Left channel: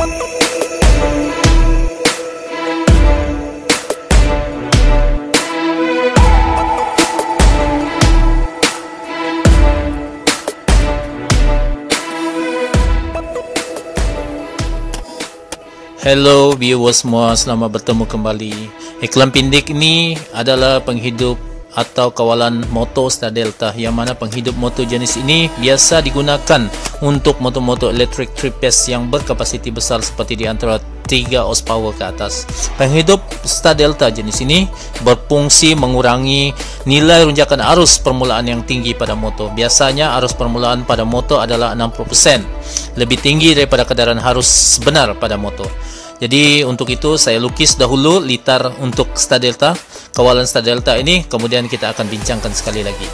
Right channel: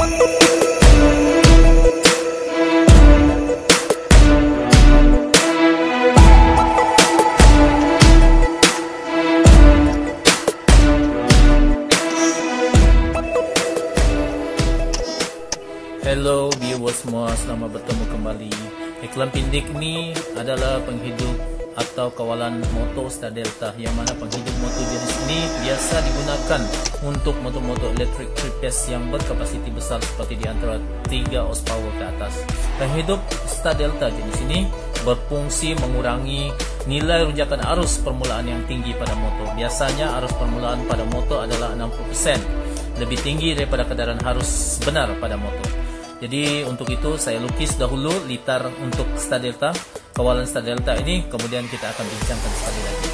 Hello viewers semua, selamat bertemu kembali. Iklan pindik ini adalah penghidup atau kawalan motor Star Delta, yang mana penghidup motor jenis ini biasa digunakan untuk motor-motor elektrik 3-phase yang berkapasiti besar seperti di antara 3 horsepower ke atas. Penghidup Star Delta jenis ini berfungsi mengurangi nilai runjakan arus permulaan yang tinggi pada motor. Biasanya arus permulaan pada motor adalah 60%, lebih tinggi daripada keadaan arus sebenar pada motor. Jadi untuk itu saya lukis dahulu litar untuk Star Delta, kawalan Star Delta ini, kemudian kita akan bincangkan sekali lagi.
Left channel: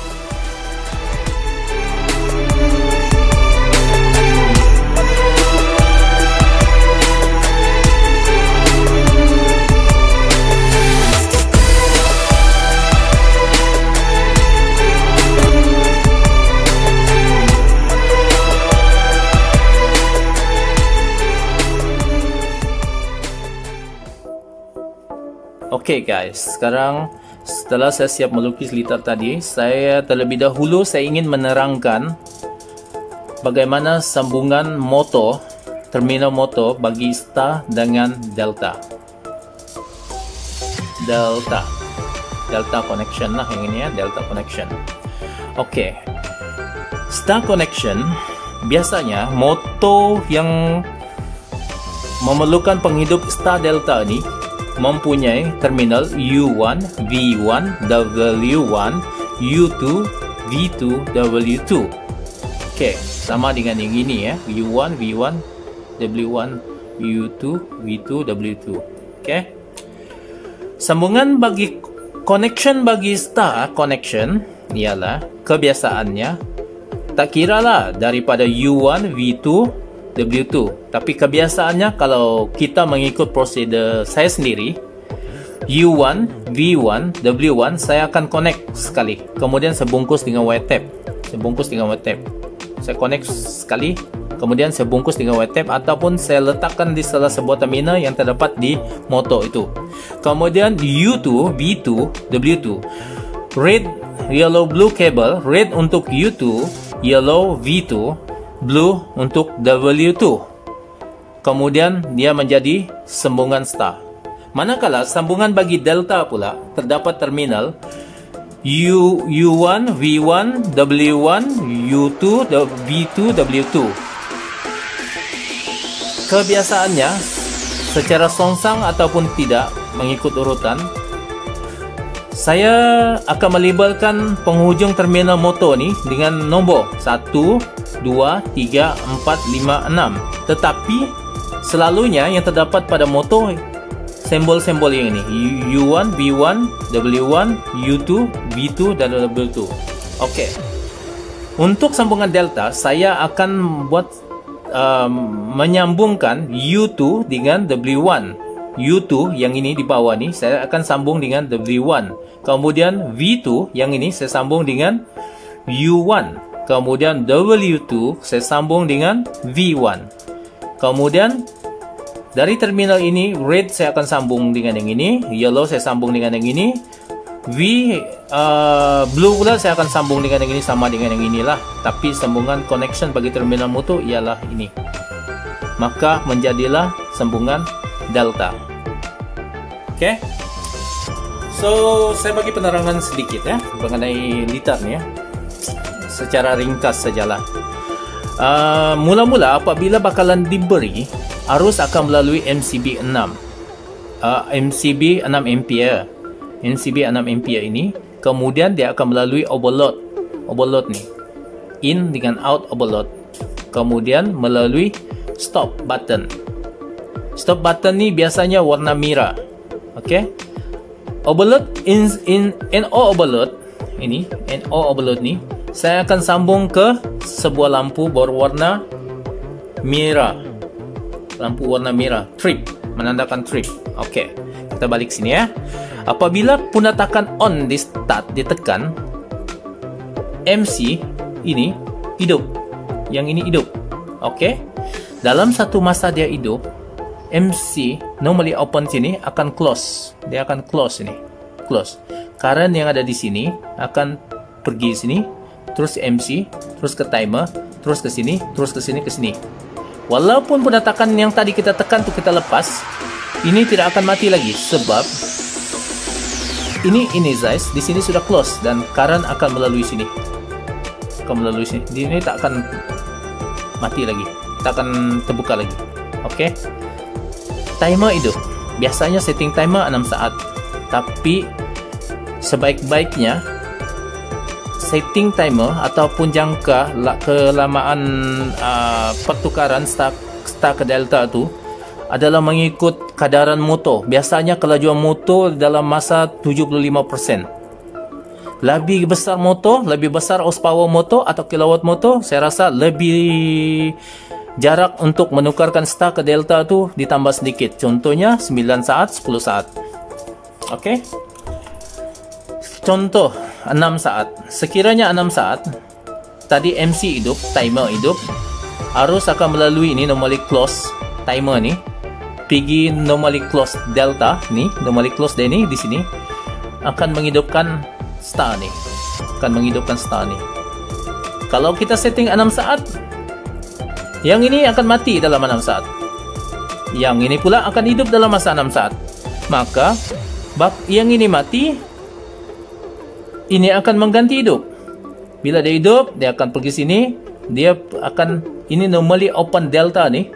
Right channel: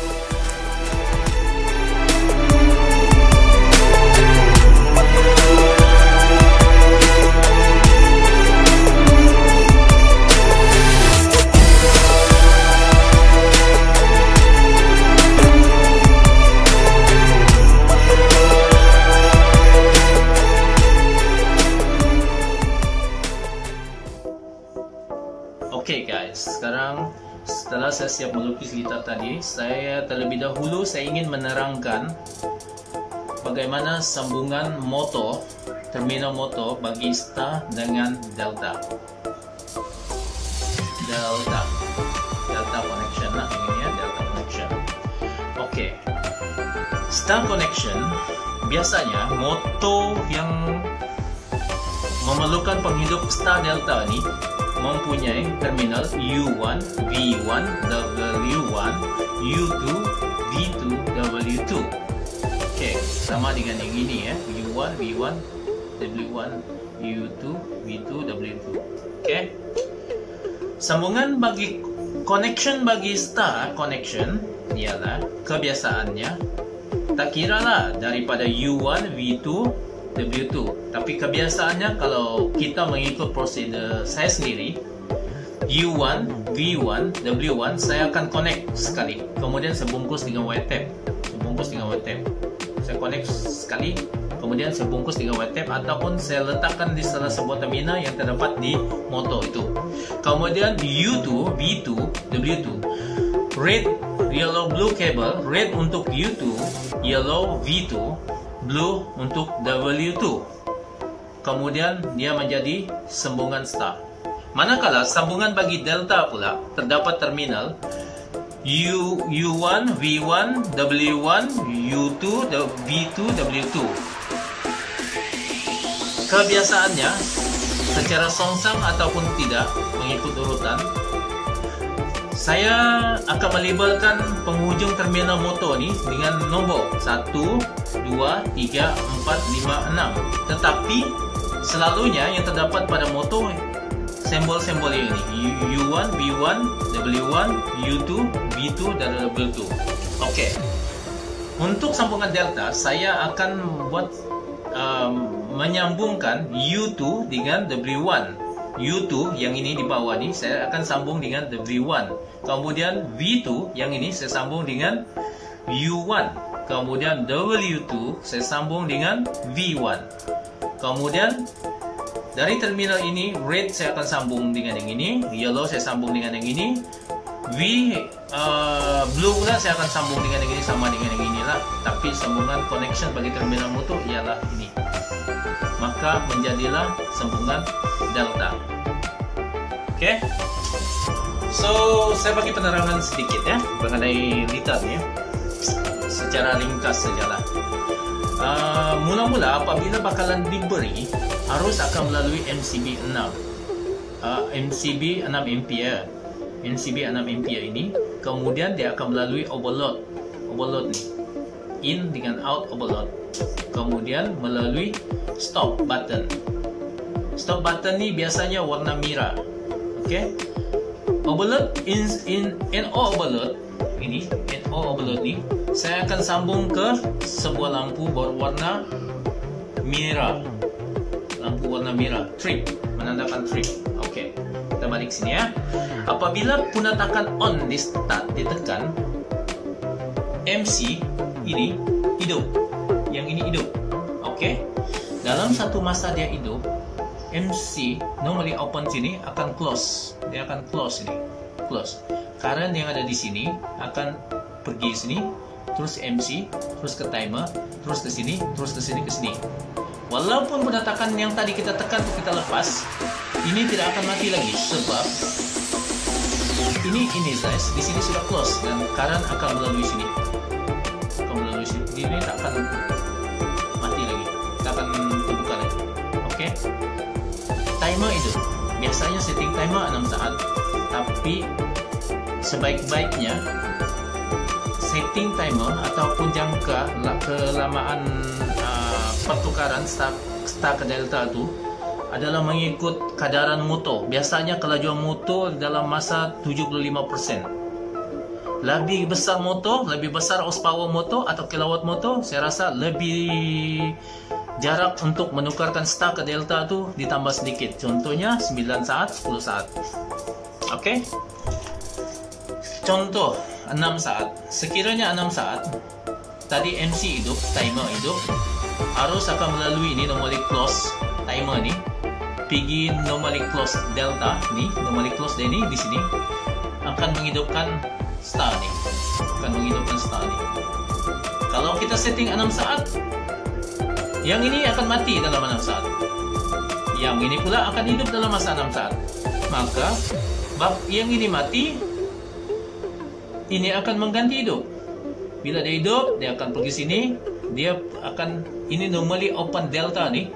Oke guys, sekarang setelah saya siap melukis litar tadi, saya terlebih dahulu saya ingin menerangkan bagaimana sambungan motor, terminal motor bagi Star dengan Delta. Delta connection lah yang ini ya, Delta connection. Oke. Star connection biasanya motor yang memerlukan penghidup Star Delta ini mempunyai terminal U1, V1, W1, U2, V2, W2. Oke, sama dengan yang ini ya, U1, V1, W1, U2, V2, W2. Oke. Sambungan bagi connection bagi Star connection ialah kebiasaannya tak kiralah daripada U1, V2, W2, tapi kebiasaannya kalau kita mengikut prosedur saya sendiri, U1, V1, W1 saya akan connect sekali, kemudian saya bungkus dengan wire tape. Saya connect sekali, kemudian saya bungkus dengan wire tape, ataupun saya letakkan di salah sebuah terminal yang terdapat di motor itu. Kemudian U2, V2, W2, red, yellow, blue cable. Red untuk U2, yellow V2, blue untuk W2. Kemudian dia menjadi sambungan Star. Manakala sambungan bagi Delta pula terdapat terminal U1, V1, W1, U2, V2, W2. Kebiasaannya secara songsang ataupun tidak mengikut urutan, saya akan melabelkan penghujung terminal motor ni dengan nombor 1, 2, 3, 4, 5, 6. Tetapi selalunya yang terdapat pada motor simbol-simbol yang ini, U1, V1, W1, U2, V2 dan W2. Okey. Untuk sambungan Delta, saya akan buat menyambungkan U2 dengan W1. U2 yang ini di bawah ni saya akan sambung dengan W1. Kemudian V2 yang ini saya sambung dengan U1. Kemudian W2 saya sambung dengan V1. Kemudian dari terminal ini, red saya akan sambung dengan yang ini, yellow saya sambung dengan yang ini, blue pula saya akan sambung dengan yang ini, sama dengan yang inilah. Tapi sambungan connection bagi terminal motor ialah ini. Maka menjadilah sambungan Delta. Oke. So, saya bagi penerangan sedikit ya mengenai litar ni ya. Secara ringkas sajalah. Mula-mula apabila bakalan diberi, arus akan melalui MCB 6. MCB 6 ampere. MCB 6 ampere ini, kemudian dia akan melalui overload. Overload ni. In dengan out overload. Kemudian melalui stop button. Stop button ni biasanya warna merah. Okey. Overload NO overload ini, NO overload ni saya akan sambung ke sebuah lampu berwarna merah. Lampu warna merah, trip, menandakan trip. Okey. Kita balik sini ya. Apabila punatakan on di start ditekan, MC ini hidup. Yang ini hidup. Okey. dalam satu masa dia hidup, MC normally open sini akan close. Dia akan close ini. Close. Current yang ada di sini akan pergi sini, terus MC, terus ke timer, terus ke sini, terus ke sini, ke sini. Walaupun penetakan yang tadi kita tekan itu kita lepas, ini tidak akan mati lagi sebab ini energize, di sini sudah close dan current akan melalui sini. Akan melalui sini. Ini tak akan mati lagi. Tak akan terbuka lagi. Oke. Timer hidup. Biasanya setting timer 6 saat. Tapi sebaik-baiknya setting timer ataupun jangka kelamaan pertukaran star ke delta itu adalah mengikut kadaran motor. Biasanya kelajuan motor dalam masa 75%. Lebih besar motor, lebih besar horsepower motor atau kilowatt motor, saya rasa lebih jarak untuk menukarkan star ke delta itu ditambah sedikit. Contohnya 9 saat, 10 saat. Oke. Contoh 6 saat. Sekiranya 6 saat, tadi MC hidup, timer hidup, arus akan melalui ini normally close timer ni, pergi normally close delta ni, normally close dia ni di sini akan menghidupkan star ni, Kalau kita setting 6 saat, yang ini akan mati dalam 6 saat. Yang ini pula akan hidup dalam masa 6 saat. Maka yang ini mati, ini akan mengganti hidup. Bila dia hidup, dia akan pergi sini. Dia akan, ini normally open delta ni.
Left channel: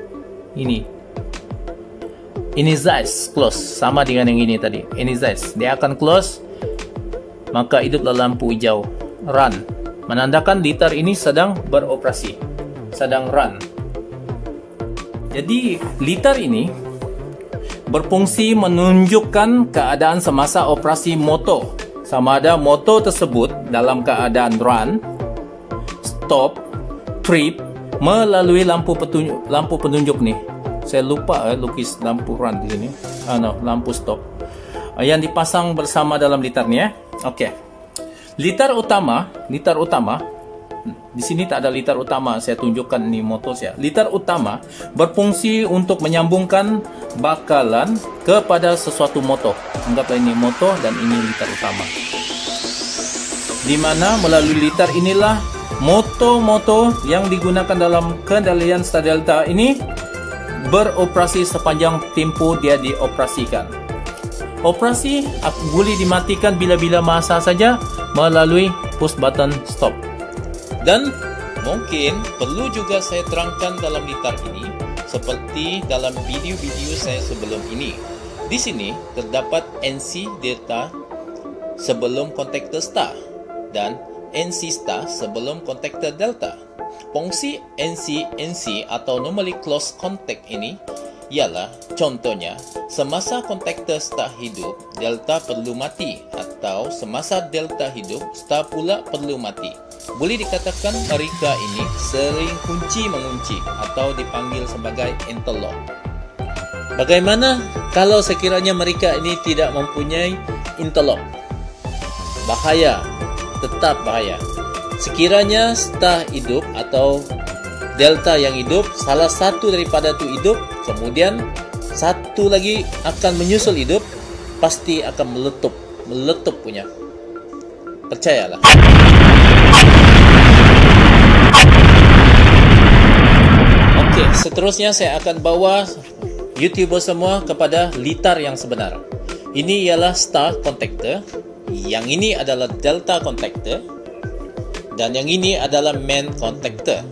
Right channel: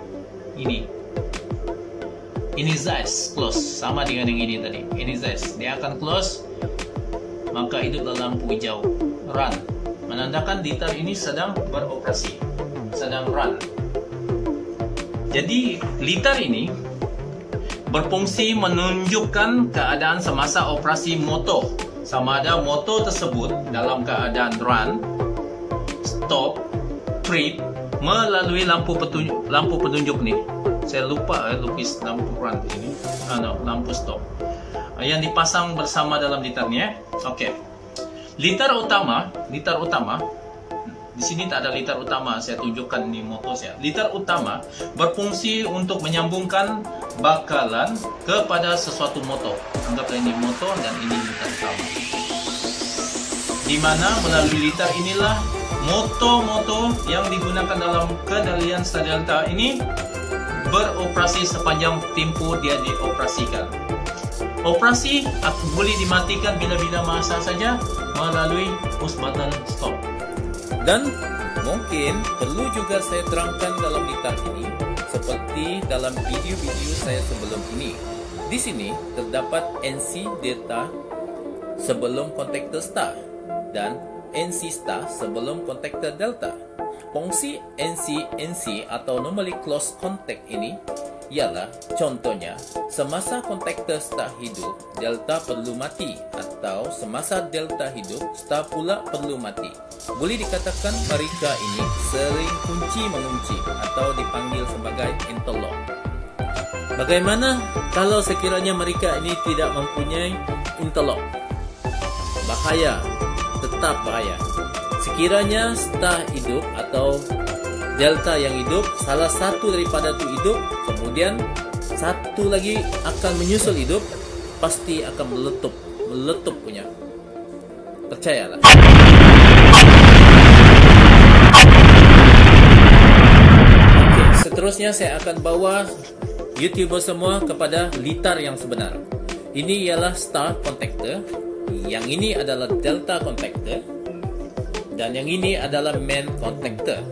Ini energize, close. Sama dengan yang ini tadi. Energize. Dia akan close. Maka hiduplah lampu hijau. Run. Menandakan liter ini sedang beroperasi. Sedang run. Jadi, liter ini berfungsi menunjukkan keadaan semasa operasi motor. Sama ada motor tersebut dalam keadaan run, stop, trip melalui lampu penunjuk ni. Saya lupa lukis lampu run di sini. Lampu stop. Yang dipasang bersama dalam liter ni Okey. Liter utama di sini tak ada liter utama, saya tunjukkan ni motor saya. Liter utama berfungsi untuk menyambungkan bakalan kepada sesuatu motor. Anggaplah ini motor dan ini liter utama. Di mana melalui liter inilah motor-motor yang digunakan dalam kendalian star delta ini beroperasi sepanjang tempoh dia dioperasikan. Operasi boleh dimatikan bila-bila masa saja melalui push button stop. Dan mungkin perlu juga saya terangkan dalam liter ini seperti dalam video-video saya sebelum ini. Di sini terdapat NC delta sebelum kontaktor star dan NC star sebelum kontaktor delta. Fungsi NC atau normally close contact ini ialah contohnya semasa kontaktor star hidup, delta perlu mati, atau semasa delta hidup, star pula perlu mati. Boleh dikatakan mereka ini sering kunci-mengunci atau dipanggil sebagai interlock. Bagaimana kalau sekiranya mereka ini tidak mempunyai interlock? Bahaya, tetap bahaya. Sekiranya star hidup atau delta yang hidup, salah satu daripada itu hidup, kemudian satu lagi akan menyusul hidup, pasti akan meletup punya. Percayalah. Okey, seterusnya saya akan bawa YouTuber semua kepada liter yang sebenar. Ini ialah star contactor, yang ini adalah delta contactor, dan yang ini adalah main contactor.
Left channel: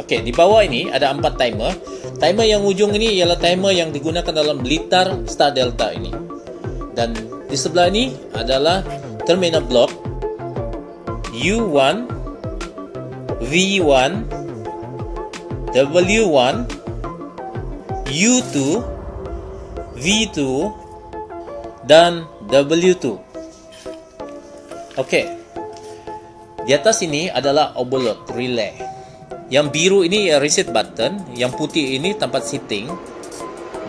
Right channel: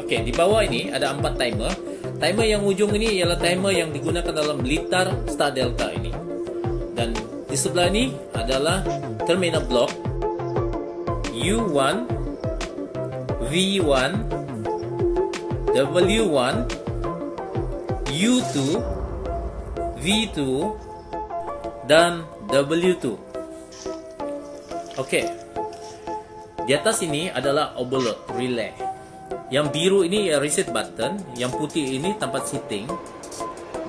Okey, di bawah ini ada 4 timer. Timer yang ujung ini ialah timer yang digunakan dalam liter star delta ini. Dan di sebelah ini adalah terminal block U1, V1, W1, U2, V2 dan W2. Okey. Di atas ini adalah overload relay. Yang biru ini reset button, yang putih ini tempat setting,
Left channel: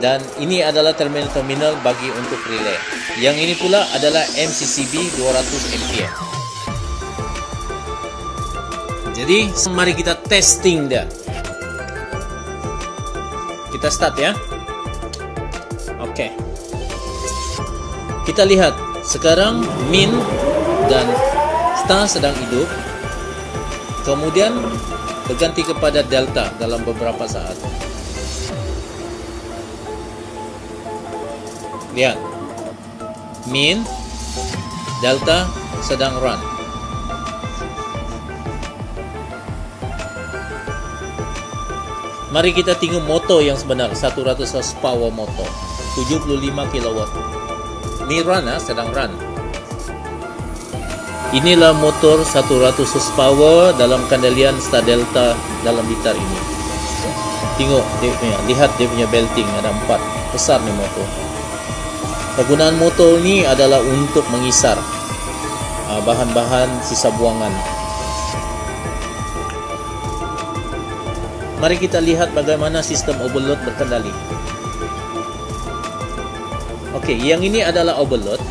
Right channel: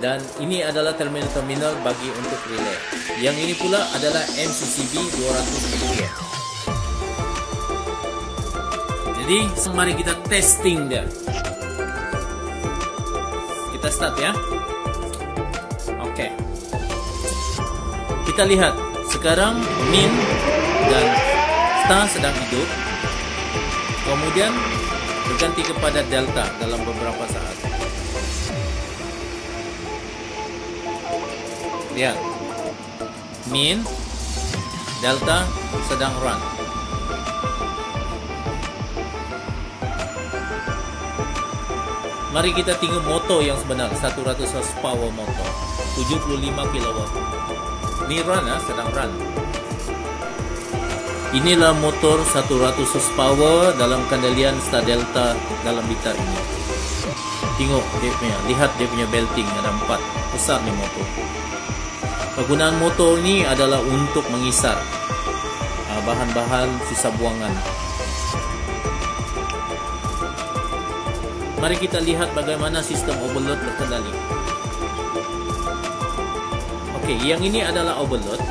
dan ini adalah terminal-terminal bagi untuk relay. Yang ini pula adalah MCCB 200 ampere. Jadi mari kita testing dia. kita start ya. Oke. Kita lihat sekarang min dan star sedang hidup. Kemudian berganti kepada delta dalam beberapa saat. Lihat. Min, delta sedang run. Mari kita tengok motor yang sebenar, 100 horsepower motor, 75 kW. Ini run ya, sedang run. Inilah motor 100 horsepower dalam kendalian Star Delta dalam liter ini. Tengok dia punya, lihat dia punya belting ada 4, besar nih motor. Penggunaan motor ini adalah untuk mengisar bahan-bahan sisa buangan. Mari kita lihat bagaimana sistem overload berkendali. Oke, yang ini adalah overload.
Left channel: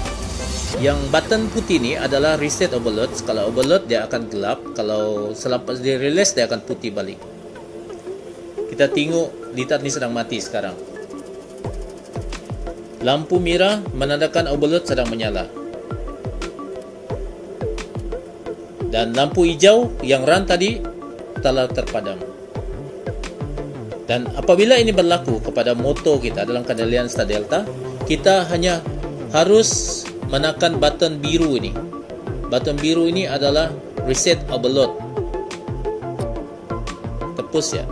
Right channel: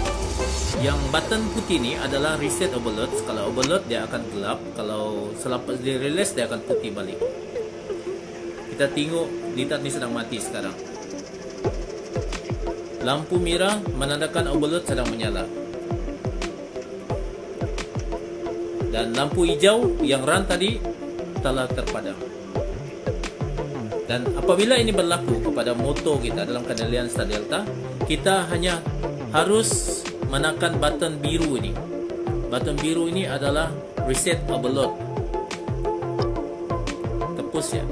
Yang button putih ini adalah reset overload. Kalau overload dia akan gelap, kalau selepas di release dia akan putih balik. Kita tengok liter ini sedang mati sekarang. Lampu merah menandakan overload sedang menyala. Dan lampu hijau yang run tadi telah terpadam. Dan apabila ini berlaku kepada motor kita dalam kendalian Star Delta, kita hanya harus menekan button biru ini. Button biru ini adalah reset overload. Tepus ya.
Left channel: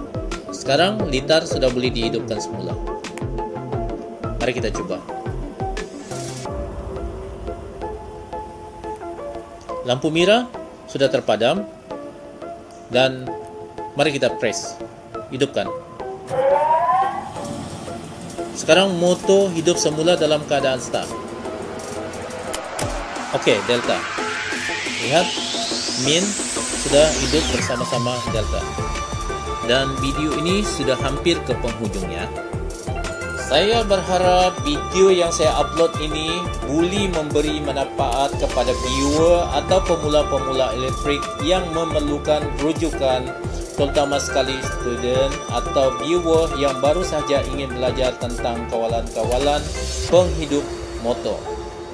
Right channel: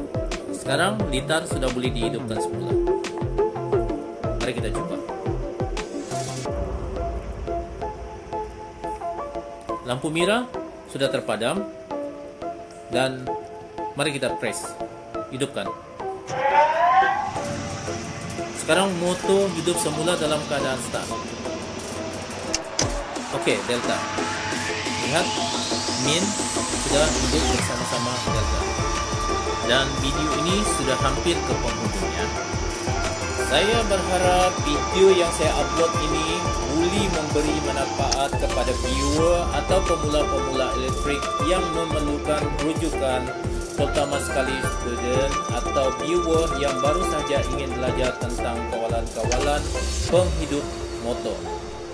Sekarang liter sudah boleh dihidupkan semula. Mari kita coba. Lampu merah sudah terpadam. Dan mari kita press. Hidupkan. Sekarang motor hidup semula dalam keadaan start. Oke, delta. Lihat, min sudah hidup bersama-sama delta. Dan video ini sudah hampir ke penghujungnya. Saya berharap video yang saya upload ini boleh memberi manfaat kepada viewer atau pemula-pemula elektrik yang memerlukan rujukan, terutama sekali student atau viewer yang baru saja ingin belajar tentang kawalan-kawalan penghidup motor.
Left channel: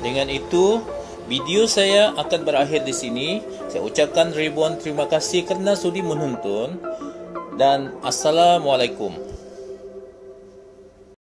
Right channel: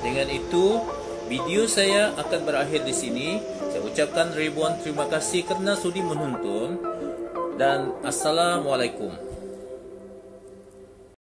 Dengan itu, video saya akan berakhir di sini. Saya ucapkan ribuan terima kasih kerana sudi menonton dan Assalamualaikum.